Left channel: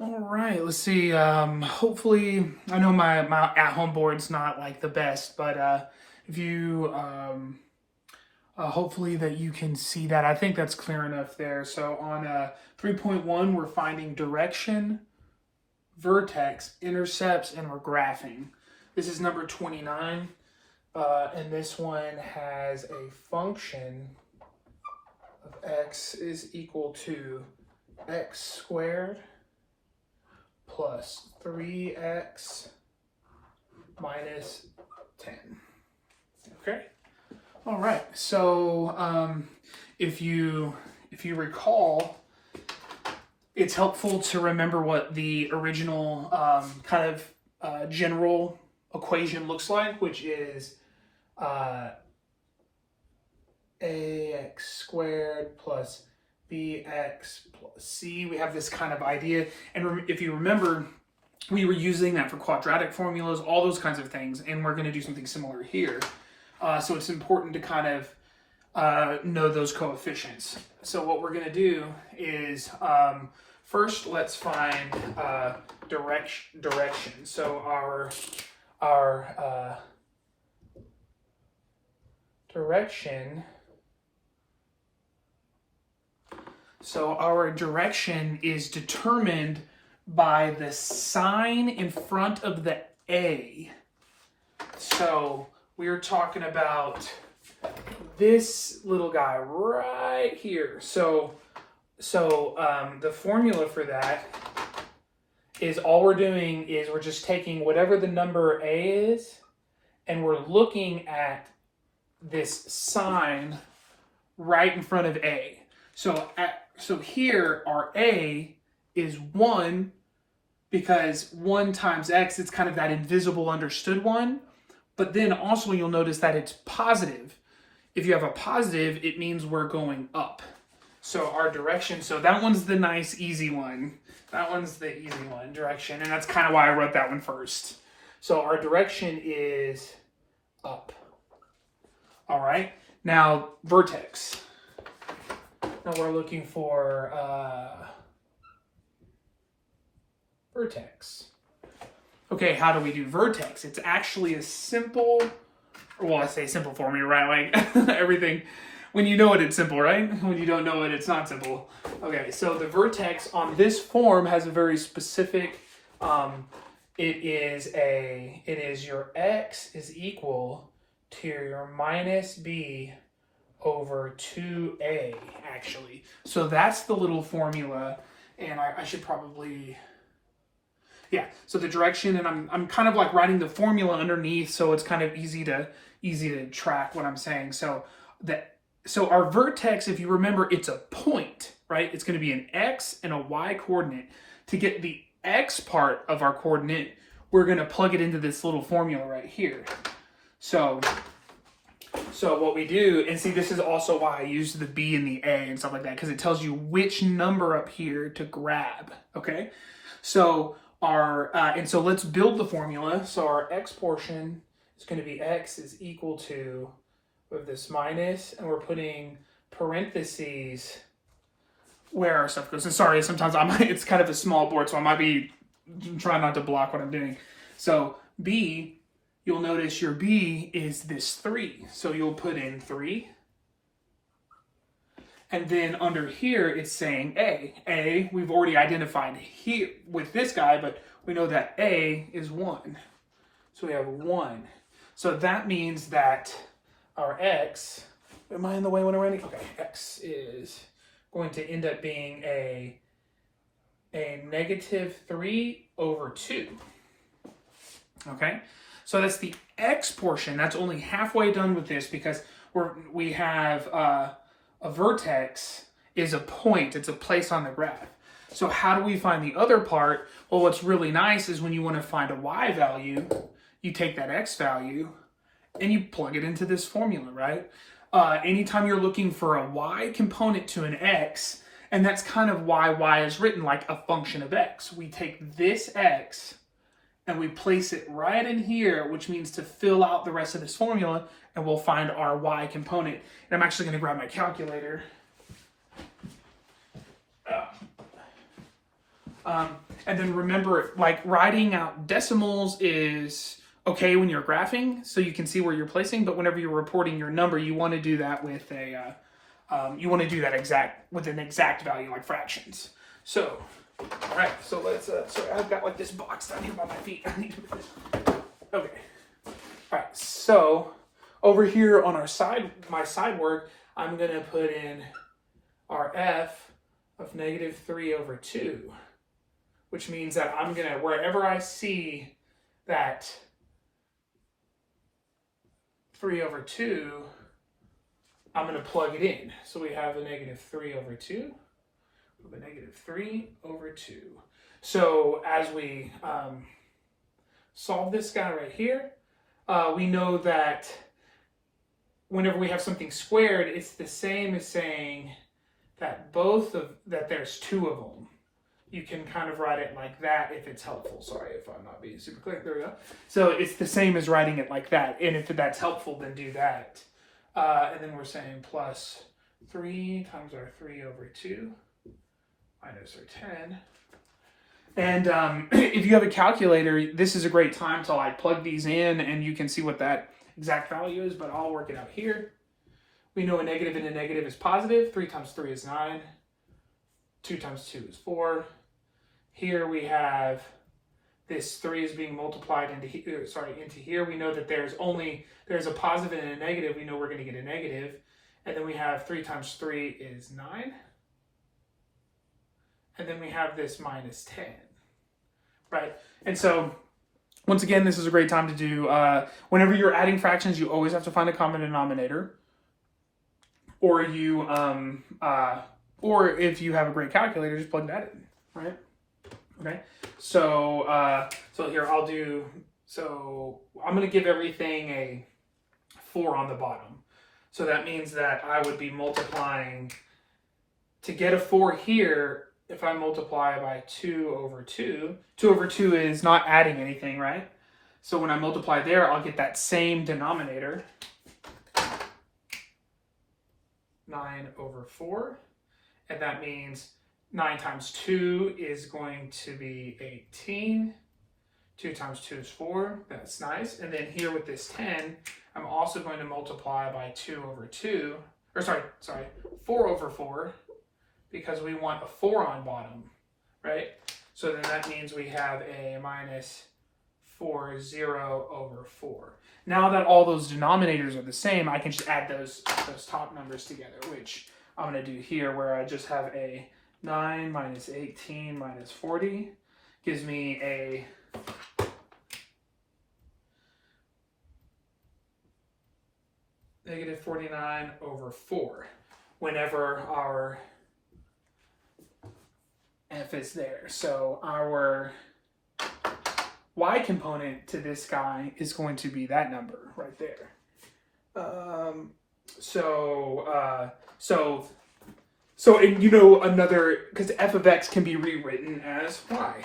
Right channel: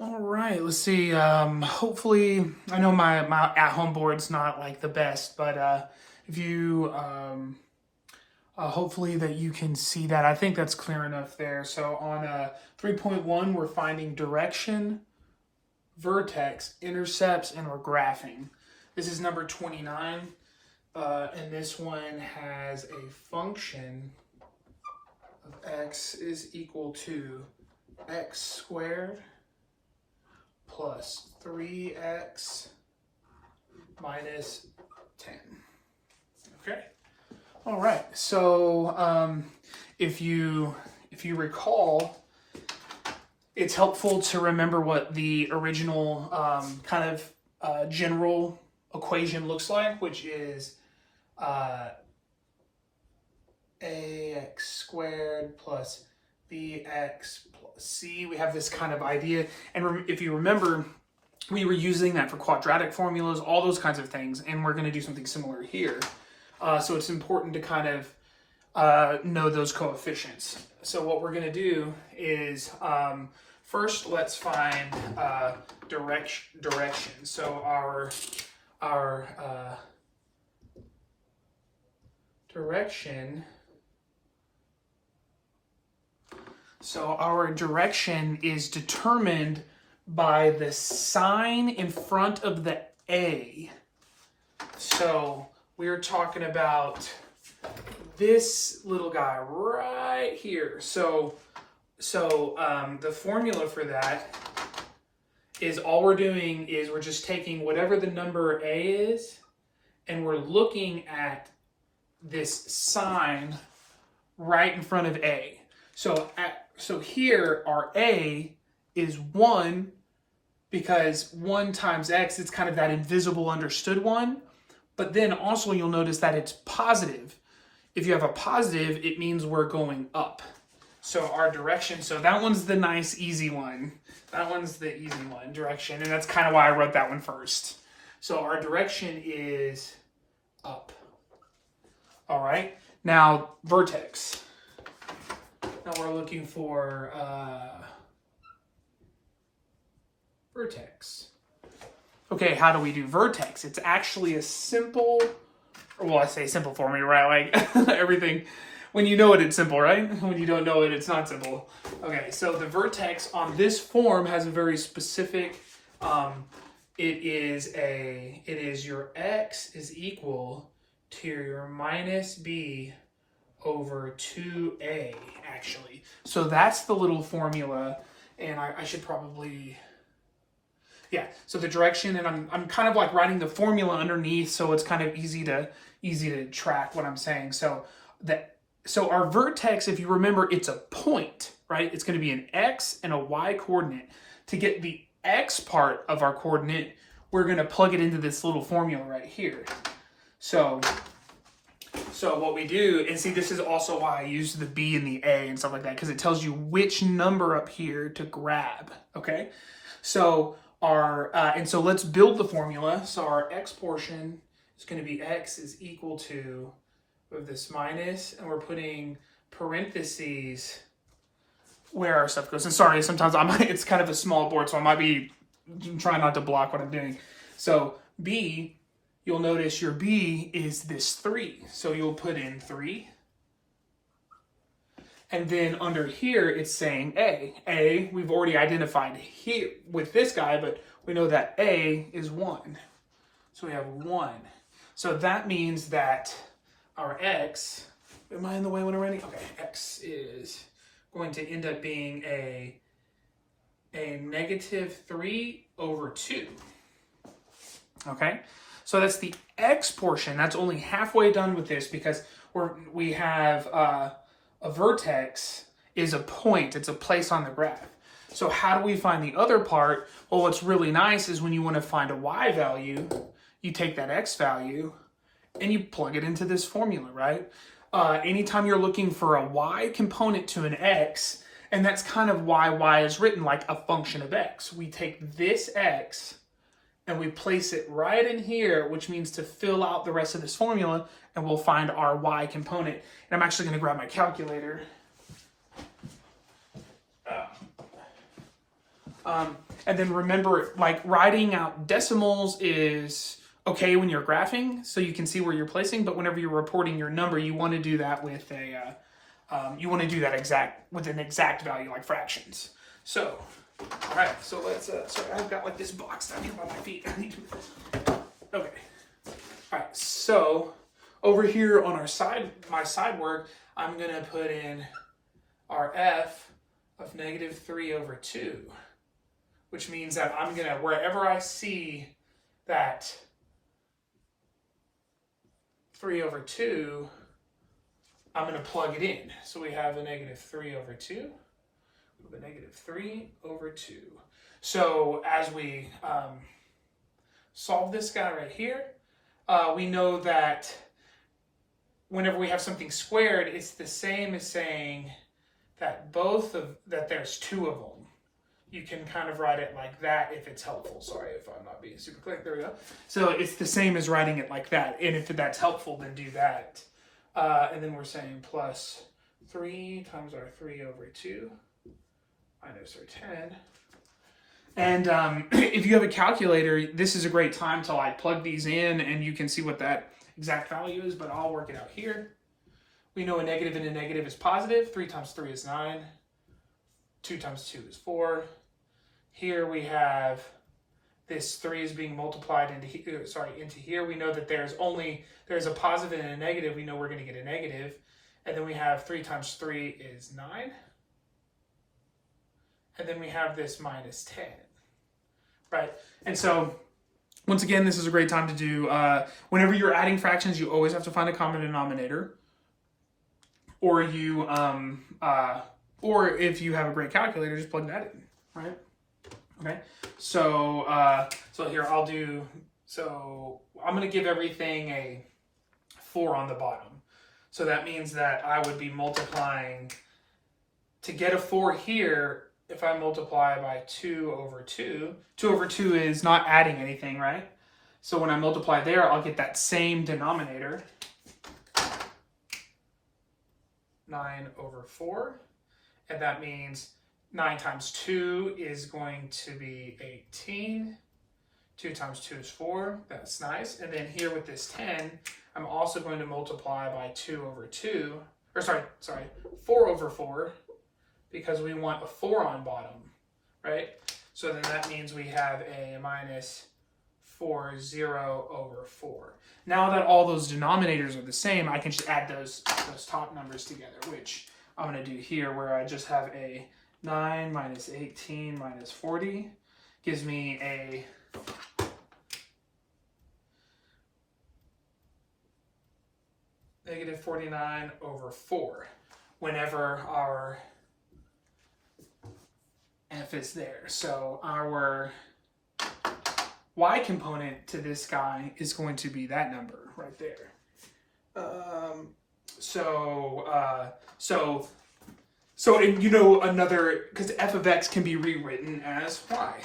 All right, let's see. Hopefully, I know my at-home board's not like the best, but if you hopefully that you can see that. I think that's clear enough there. So on 3.1, we're finding direction, vertex, intercepts, and we're graphing. This is number 29, and this one has a function of x is equal to x squared plus 3x minus 10. Okay. All right. So if you recall, it's helpful to remember what the original general equation looks like, which is ax squared plus bx plus c. We have this kind of idea, and if you remember, we were using that for quadratic formulas, all those kinds of things, and we're going to do something similar here. So it's important to kind of know those coefficients. So what we're going to do is first let's find direction. So our direction. So our direction is determined by the sign in front of the A. So we're talking about this little guy right here. So the formula for that is all we're doing is we're just taking whatever the number A is, and we're looking at this sign right in front of A. So here our A is 1 because 1 times x, it's kind of that invisible understood one. But then also you'll notice that it's positive. If you have a positive, it means we're going up. So our direction, so that one's the nice easy one. That one's the easy one, direction. And that's kind of why I wrote that one first. So our direction is up. All right, now vertex. Now we're looking for vertex. Okay, how do we do vertex? It's actually a simple, well, I say simple formula, right? Like everything, when you know it, it's simple, right? When you don't know it, it's not simple. Okay, so the vertex on this form has a very specific, it is your x is equal to your minus b over 2a, actually. So that's the little formula, and I should probably, yeah, so the direction, and I'm kind of like writing the formula underneath, so it's kind of easy to track what I'm saying. So our vertex, if you remember, it's a point, right? It's going to be an x and a y coordinate. To get the x part of our coordinate, we're going to plug it into this little formula right here. So what we do, and see, this is also why I used the B and the A and stuff like that, because it tells you which number up here to grab, okay? So and so let's build the formula. So our x portion is going to be x is equal to, with this minus, and we're putting parentheses where our stuff goes. And sorry, sometimes it's kind of a small board, so I might be trying not to block what I'm doing. So B, you'll notice your B is this 3. So you'll put in 3. And then under here, it's saying A. A, we've already identified here with this guy, but we know that A is 1. So we have 1. So that means that our x, am I in the way when I'm writing? Okay, x is going to end up being a negative 3 over 2. Okay, so that's the x portion. That's only halfway done with this because we have a vertex is a point. It's a place on the graph. So how do we find the other part? Well, what's really nice is when you want to find a y value, you take that x value and you plug it into this formula, right? Anytime you're looking for a y component to an x, and that's kind of why y is written like a function of x. We take this x and we place it right in here, which means to fill out the rest of this formula, and we'll find our y component. And I'm actually going to grab my calculator. And then remember, like, writing out decimals is okay when you're graphing, so you can see where you're placing. But whenever you're reporting your number, you want to do that with a with an exact value, like fractions. So, all right. So let's. Sorry, I've got like this box down here by my feet. I need to put this. Okay. All right. So over here on my side work, I'm gonna put in our f of -3/2. Which means that I'm gonna, wherever I see that 3/2, I'm gonna plug it in. So we have a -3/2, we have a -3/2. So as we solve this guy right here, we know that whenever we have something squared, it's the same as saying that that there's two of them. You can kind of write it like that if it's helpful. Sorry if I'm not being super clear. There we go. So it's the same as writing it like that. And if that's helpful, then do that. And then we're saying plus 3 times our 3/2 minus our 10. And if you have a calculator, this is a great time to like plug these in and you can see what that exact value is, but I'll work it out here. We know a negative and a negative is positive. 3 times 3 is 9. 2 times 2 is 4. Here we have this 3 is being multiplied into here. We know that there's a positive and a negative. We know we're going to get a negative. And then we have 3 times 3 is 9. And then we have this minus 10, right? And so once again, this is a great time to do, whenever you're adding fractions, you always have to find a common denominator. Or or if you have a great calculator, just plug that in, right? Okay, so here I'm going to give everything a 4 on the bottom. So that means that I would be multiplying, to get a 4 here, if I multiply by 2/2, 2/2 is not adding anything, right? So when I multiply there, I'll get that same denominator, 9/4. And that means 9 times 2 is going to be 18. 2 times 2 is 4. That's nice. And then here with this 10, I'm also going to multiply by 2/2. Or sorry, 4/4, because we want a 4 on bottom, right? So then that means we have a minus 40/4. Now that all those denominators are the same, I can just add those top numbers together, which I'm going to do here, where I just have a 9 minus 18 minus 40 gives me a -49/4 whenever our f is there. So our y component to this guy is going to be that number right there. And you know, because f of x can be rewritten as y.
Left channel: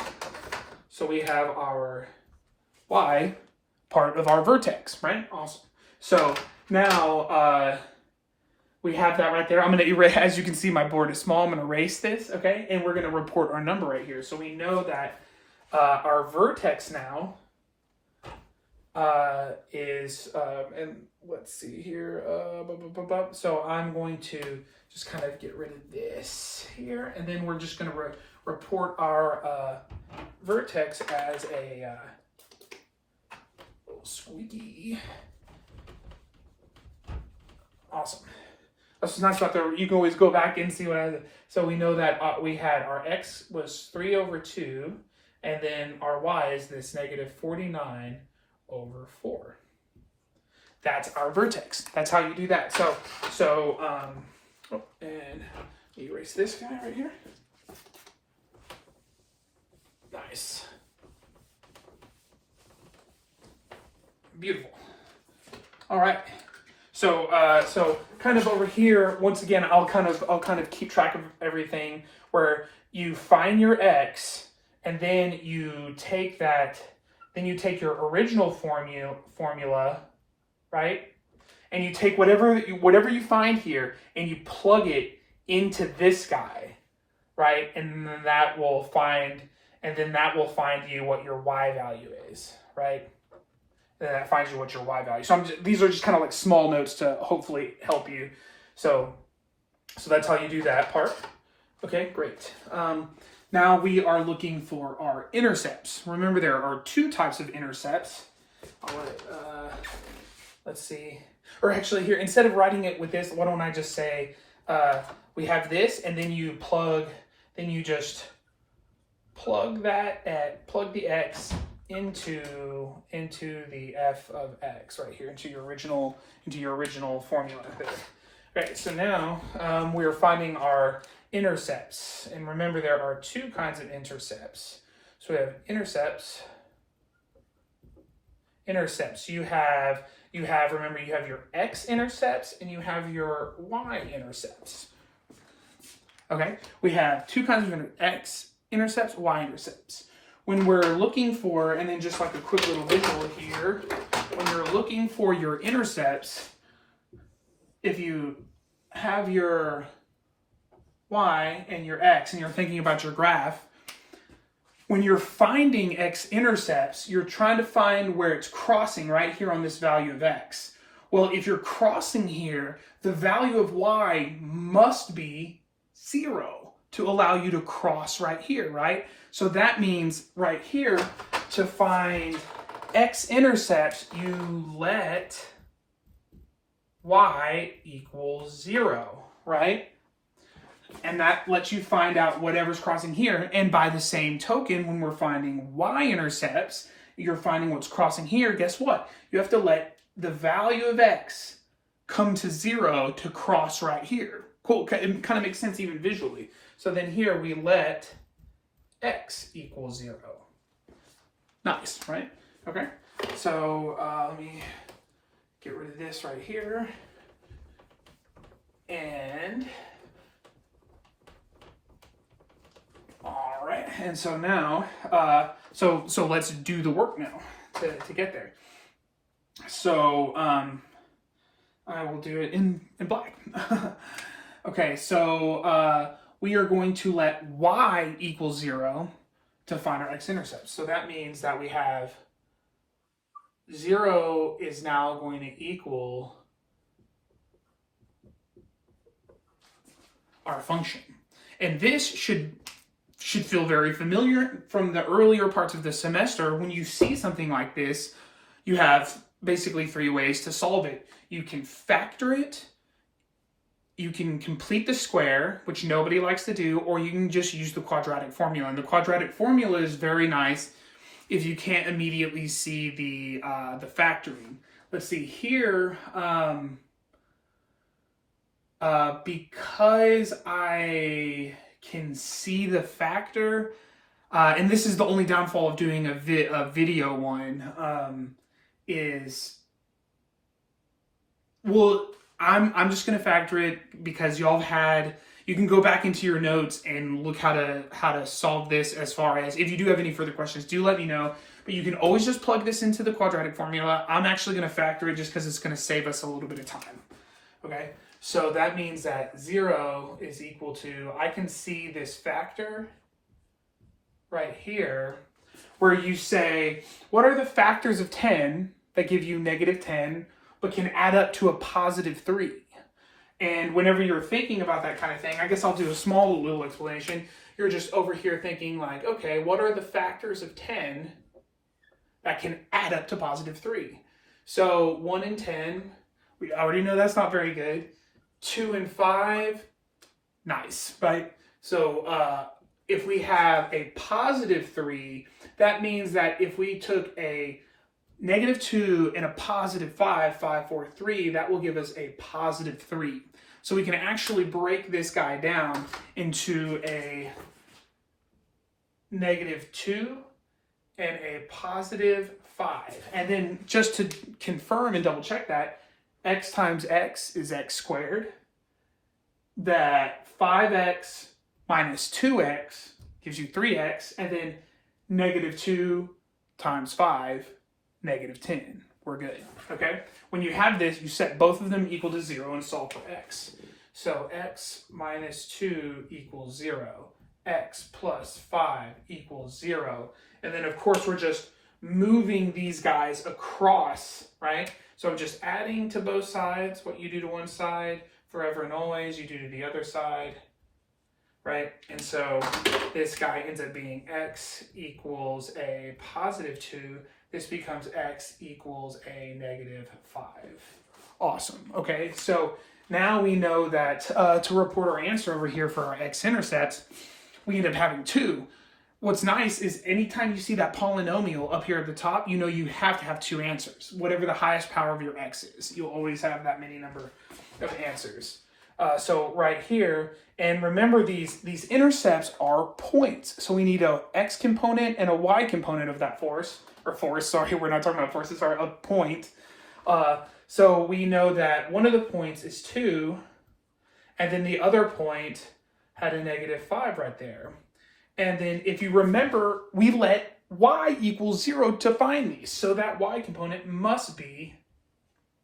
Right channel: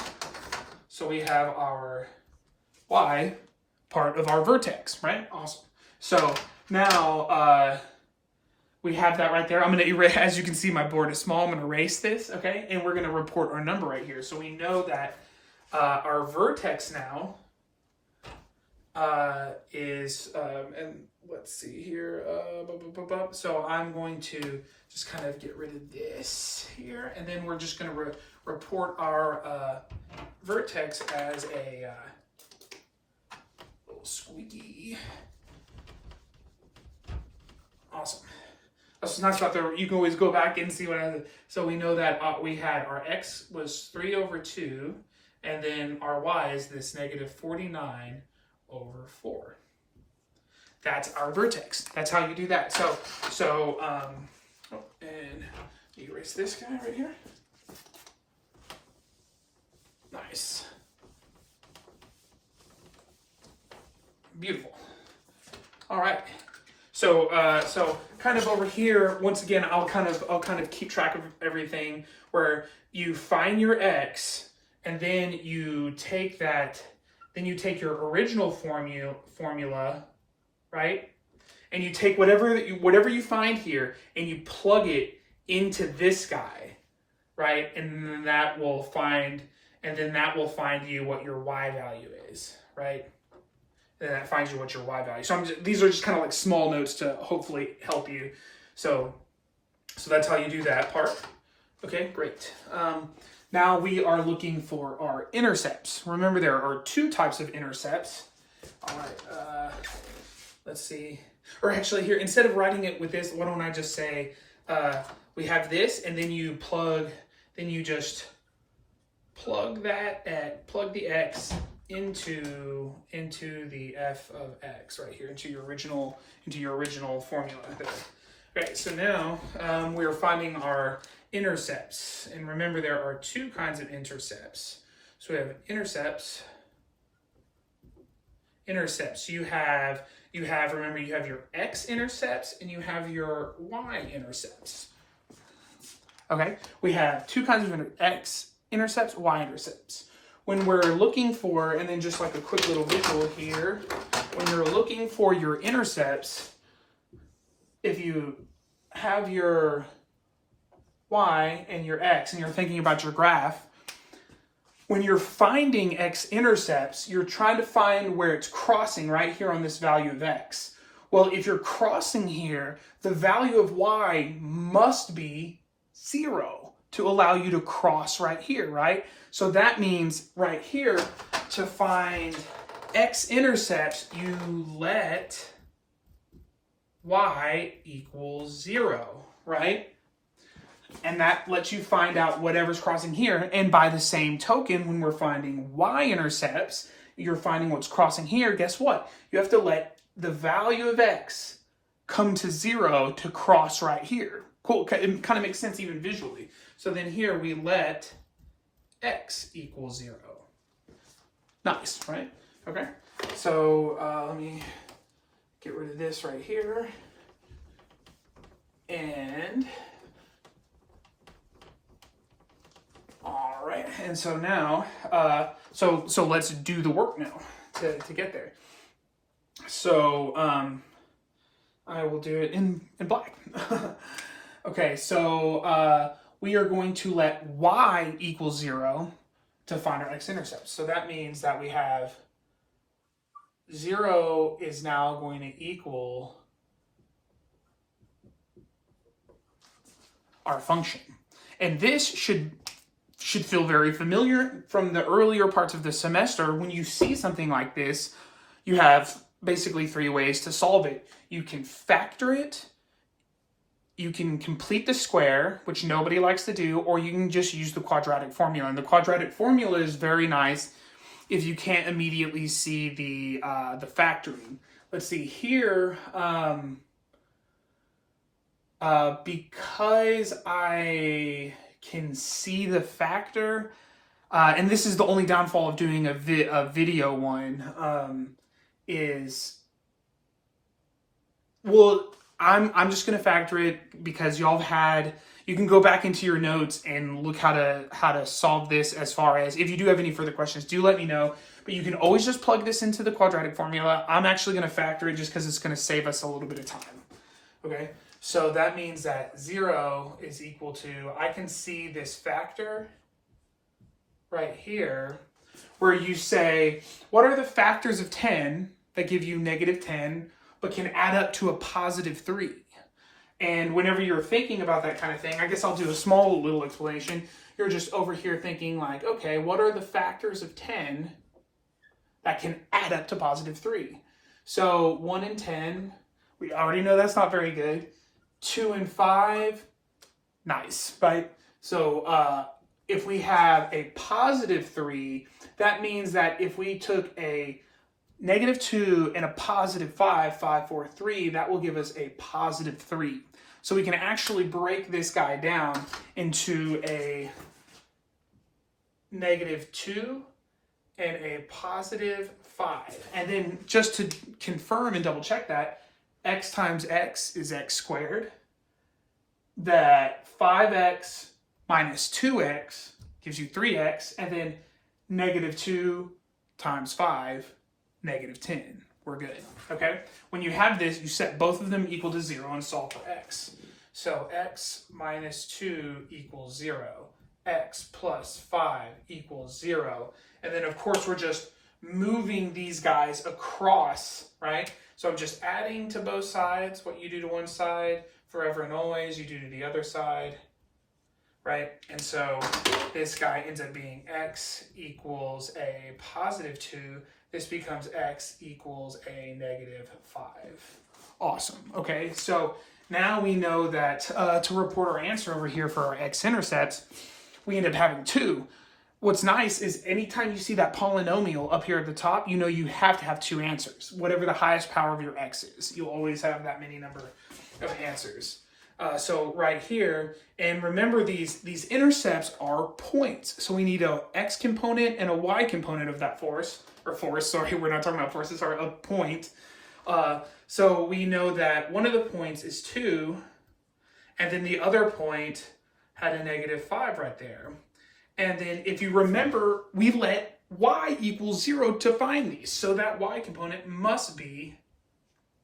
So we have our y part of our vertex, right? Awesome. So now we have that right there. I'm going to erase, as you can see, my board is small. I'm going to erase this, okay? And we're going to report our number right here. So we know that our vertex now is, and let's see here, so I'm going to just kind of get rid of this here, and then we're just going to report our vertex as a little squeaky. Awesome. That's nice about the, you can always go back and see what I did. So we know that we had our x was 3/2, and then our y is this -49/4. That's our vertex. That's how you do that. And erase this guy right here. Nice. Beautiful. All right. So kind of over here, once again, I'll kind of keep track of everything, where you find your x, and then you take your original formula, right? And you take whatever you find here and you plug it into this guy, right? And then that will find you what your y value is, right? And then that finds you what your y value. So these are just kind of like small notes to hopefully help you. So that's how you do that part. Okay, great. Now we are looking for our intercepts. Remember, there are two types of intercepts. All right, let's see. Or actually, here, instead of writing it with this, why don't I just say we have this, and then you just plug the x into the f of x right here, into your original formula. Okay, so now we are finding our intercepts, and remember there are two kinds of intercepts. So we have intercepts. You have remember, you have your x-intercepts and you have your y-intercepts. Okay, we have two kinds of x-intercepts, y-intercepts. When we're looking for, and then just like a quick little visual here, when you're looking for your intercepts, if you have your y and your x and you're thinking about your graph, when you're finding x-intercepts, you're trying to find where it's crossing right here on this value of x. Well, if you're crossing here, the value of y must be 0 to allow you to cross right here, right? So that means right here, to find x-intercepts, you let y equals 0, right? And that lets you find out whatever's crossing here. And by the same token, when we're finding y-intercepts, you're finding what's crossing here. Guess what? You have to let the value of x come to 0 to cross right here. Cool. It kind of makes sense even visually. So then here we let x equal 0. Nice, right? Okay. So let me get rid of this right here. And all right, and so now, so let's do the work now to get there. So I will do it in black. Okay, so we are going to let y equal 0 to find our x-intercepts. So that means that we have 0 is now going to equal our function. And this should feel very familiar from the earlier parts of the semester. When you see something like this, you have basically 3 ways to solve it. You can factor it, you can complete the square, which nobody likes to do, or you can just use the quadratic formula. And the quadratic formula is very nice if you can't immediately see the factoring. Let's see here. Because I can see the factor, and this is the only downfall of doing a video one, is, well, I'm just gonna factor it because y'all you can go back into your notes and look how to solve this. As far as if you do have any further questions, do let me know. But you can always just plug this into the quadratic formula. I'm actually gonna factor it just because it's gonna save us a little bit of time. Okay. So that means that 0 is equal to, I can see this factor right here, where you say, what are the factors of 10 that give you -10, but can add up to a +3? And whenever you're thinking about that kind of thing, I guess I'll do a small little explanation. You're just over here thinking like, okay, what are the factors of 10 that can add up to +3? So 1 and 10, we already know that's not very good. 2 and 5, nice, right? So if we have a +3, that means that if we took a -2 and a +5, 5, 4, 3, that will give us a +3. So we can actually break this guy down into a -2 and a +5. And then just to confirm and double check that, x times x is x squared. That 5x minus 2x gives you 3x. And then -2 times 5, -10. We're good, okay? When you have this, you set both of them equal to 0 and solve for x. So x minus 2 equals 0. x plus 5 equals 0. And then, of course, we're just moving these guys across, right? So I'm just adding to both sides. What you do to one side, forever and always, you do to the other side, right? And so this guy ends up being x equals a positive 2. This becomes x equals a negative 5. Awesome. Okay, so now we know that to report our answer over here for our x-intercepts, we end up having 2. What's nice is anytime you see that polynomial up here at the top, you know you have to have 2 answers. Whatever the highest power of your x is, you'll always have that many number of answers. So right here, and remember these intercepts are points. So we need a x component and a y component of that force, sorry, we're not talking about forces, sorry, a point. So we know that one of the points is 2, and then the other point had a negative 5 right there. And then if you remember, we let y equals 0 to find these. So that y component must be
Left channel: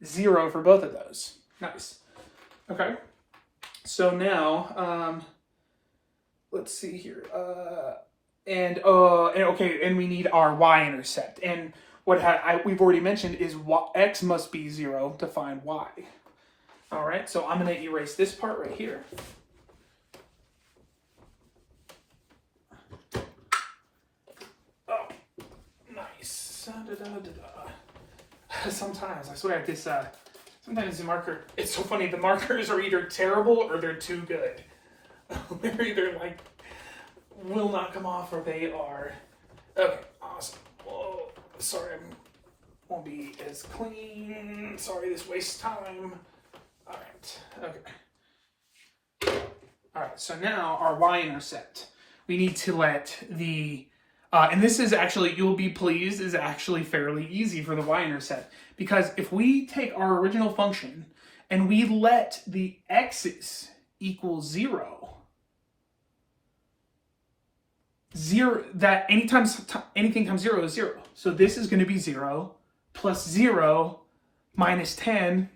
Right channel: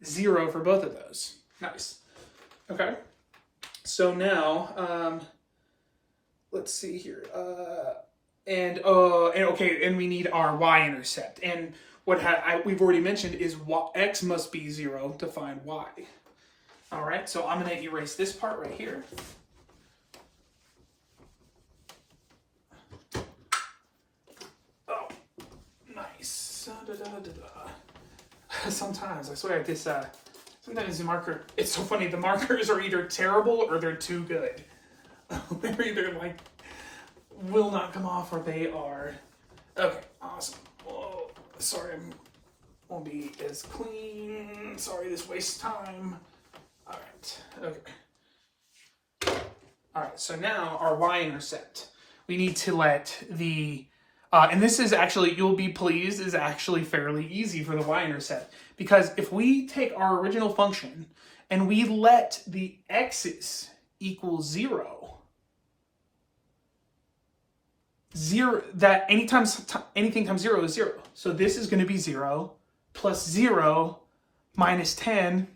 0 for both of those. Nice. Okay. So now, let's see here. And we need our y-intercept. And what we've already mentioned is x must be 0 to find y. All right, so I'm going to erase this part right here. Sometimes, I swear, sometimes the marker, it's so funny, the markers are either terrible or they're too good. They're either like, will not come off, or they are. Okay, awesome. Whoa, sorry, I won't be as clean. Sorry, this wastes time. All right, okay. All right, so now our y-intercept. We need to let the and this is actually, you'll be pleased, is actually fairly easy for the y-intercept. Because if we take our original function and we let the x's equal 0, that anytime anything comes 0 is 0. So this is going to be 0 plus 0 minus 10.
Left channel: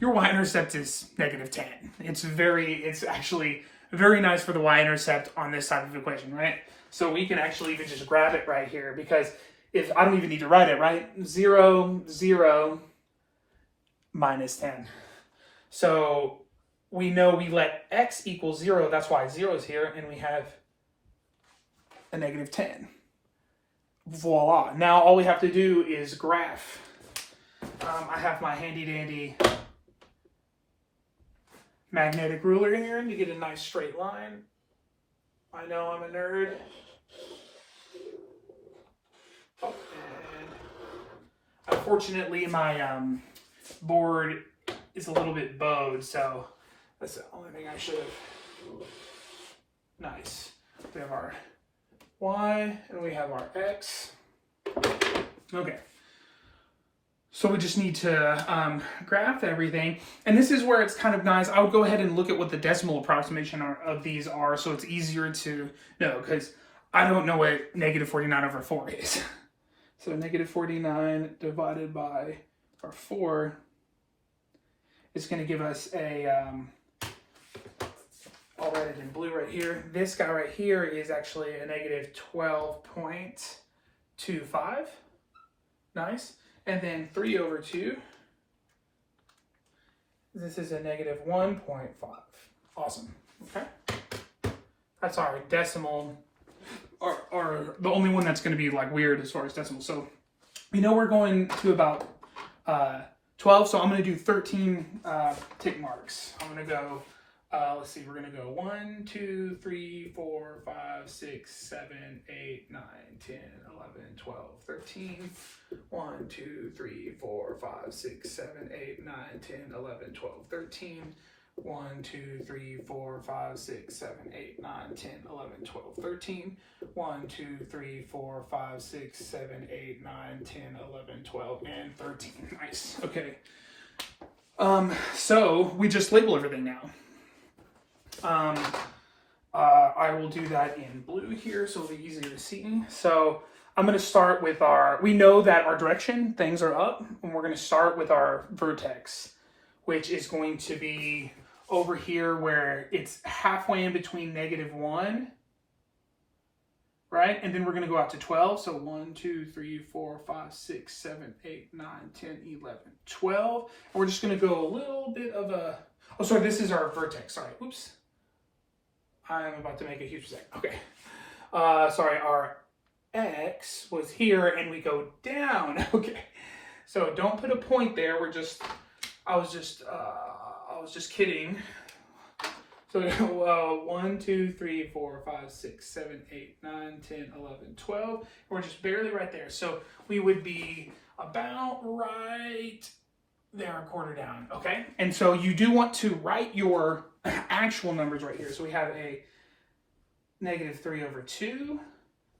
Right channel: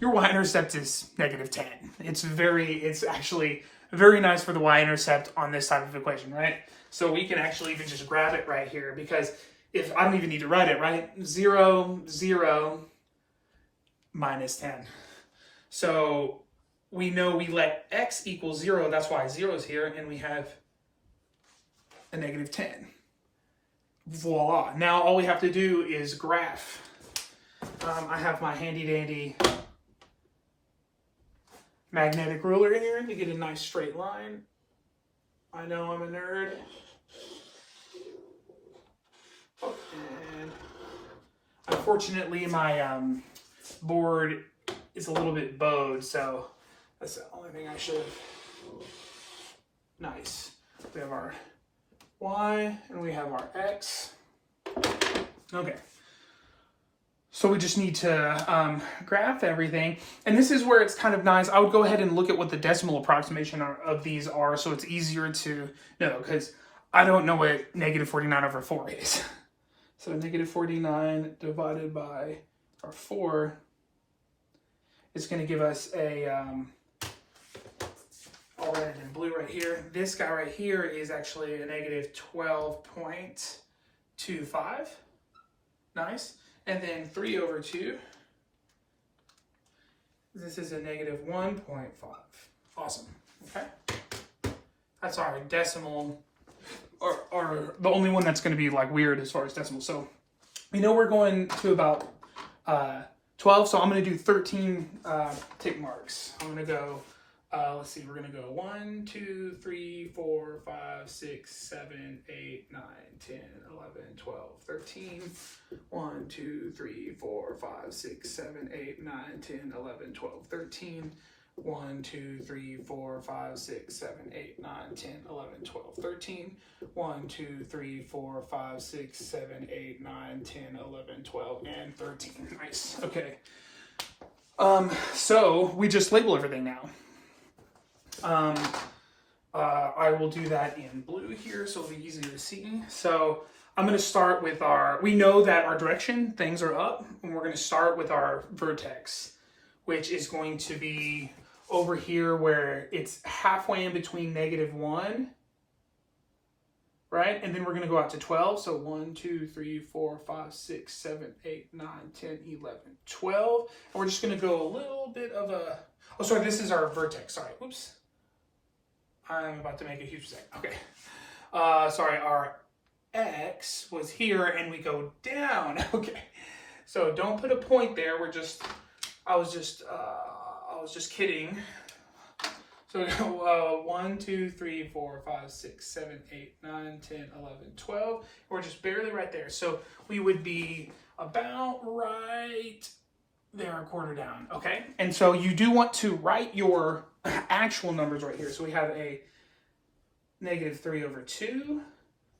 Your y-intercept is negative 10. It's actually very nice for the y-intercept on this side of the equation, right? So we can actually even just grab it right here, because if I don't even need to write it, right? 0, 0, minus 10. So we know we let x equal 0, that's why 0 is here, and we have a negative 10. Voila. Now all we have to do is graph. I have my handy dandy magnetic ruler in here to get a nice straight line. I know I'm a nerd. Oh, and unfortunately my board is a little bit bowed, so that's the only thing I should have. Nice. We have our y and we have our x. Okay. So we just need to graph everything. And this is where it's kind of nice. I would go ahead and look at what the decimal approximation of these are, so it's easier to know, because I don't know what negative 49 over 4 is. So negative 49 divided by our 4 is going to give us a, I'll write it in blue right here. This guy right here is actually a negative 12.25. Nice. And then 3 over 2, this is a negative 1.5. Awesome. Okay. That's our decimal, or the only one that's going to be like weird as far as decimal. So we know we're going to about 12, so I'm going to do 13 tick marks. I'm going to go, let's see, we're going to go 1, 2, 3, 4, 5, 6, 7, 8, 9, 10, 11, 12, 13. 1, 2, 3, 4, 5, 6, 7, 8, 9, 10, 11, 12, 13. 1, 2, 3, 4, 5, 6, 7, 8, 9, 10, 11, 12, 13. 1, 2, 3, 4, 5, 6, 7, 8, 9, 10, 11, 12, and 13. Nice. Okay. So we just label everything now. I will do that in blue here, so it'll be easier to see. So I'm going to start with we know that our direction, things are up, and we're going to start with our vertex, which is going to be over here where it's halfway in between -1, right? And then we're going to go out to 12. So 1, 2, 3, 4, 5, 6, 7, 8, 9, 10, 11, 12. And we're just going to go a little bit of a... Oh, sorry, this is our vertex. Sorry, oops. I'm about to make a huge mistake. Okay. Sorry, our X was here and we go down. Okay. So don't put a point there. I was just kidding. So 1, 2, 3, 4, 5, 6, 7, 8, 9, 10, 11, 12. We're just barely right there. So we would be about right there, a quarter down. Okay. And so you do want to write your actual numbers right here. So we have a -3/2,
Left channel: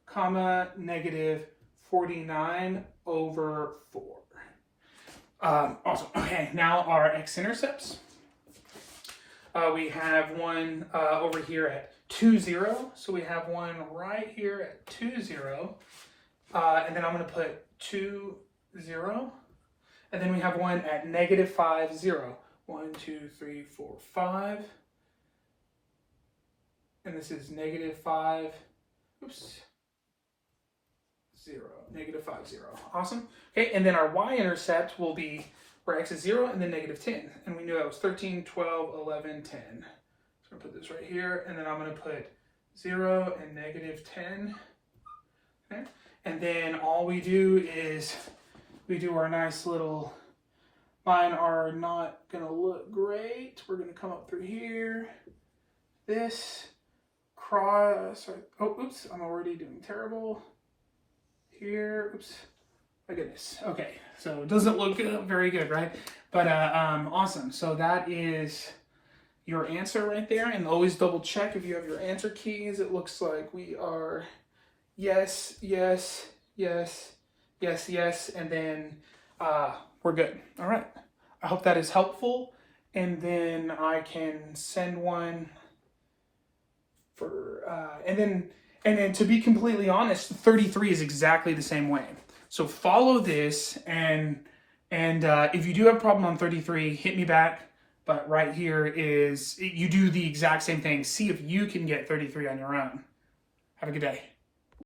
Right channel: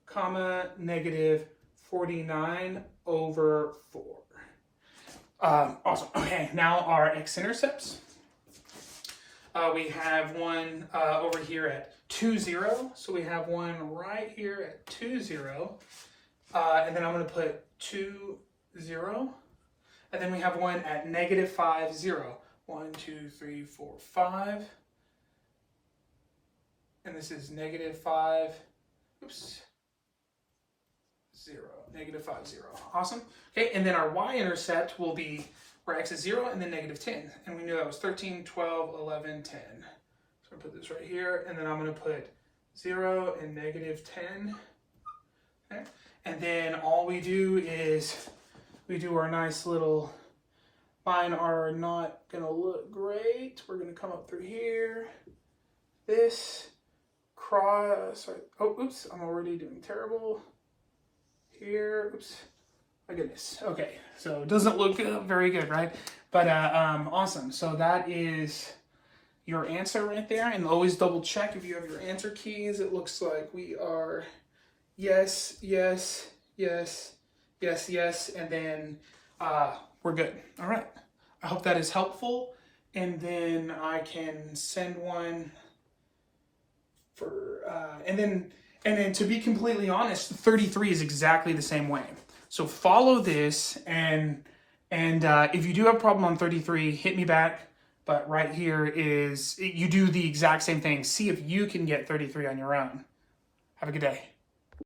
comma, -49/4. Awesome. Okay, now our x-intercepts. We have one over here at 2, 0. So we have one right here at 2, 0. And then I'm going to put 2, 0. And then we have one at -5, 0. 1, 2, 3, 4, 5. And this is -5. Oops. 0, -5, 0. Awesome. Okay, and then our y-intercept will be where x is 0 and then -10. And we knew that was 13, 12, 11, 10. So I'm going to put this right here, and then I'm going to put 0 and -10. Okay. And then all we do is we do our nice little, mine are not going to look great. We're going to come up through here, this, cross, sorry, oh, oops, I'm already doing terrible. Here, oops, my goodness. Okay, so it doesn't look very good, right? But awesome. So that is your answer right there. And always double check if you have your answer keys. It looks like we are yes, yes, yes, yes, yes, and then we're good. All right. I hope that is helpful. And then I can send one for, and then to be completely honest, 33 is exactly the same way. So follow this, and if you do have a problem on 33, hit me back. But right here is, you do the exact same thing. See if you can get 33 on your own. Have a good day.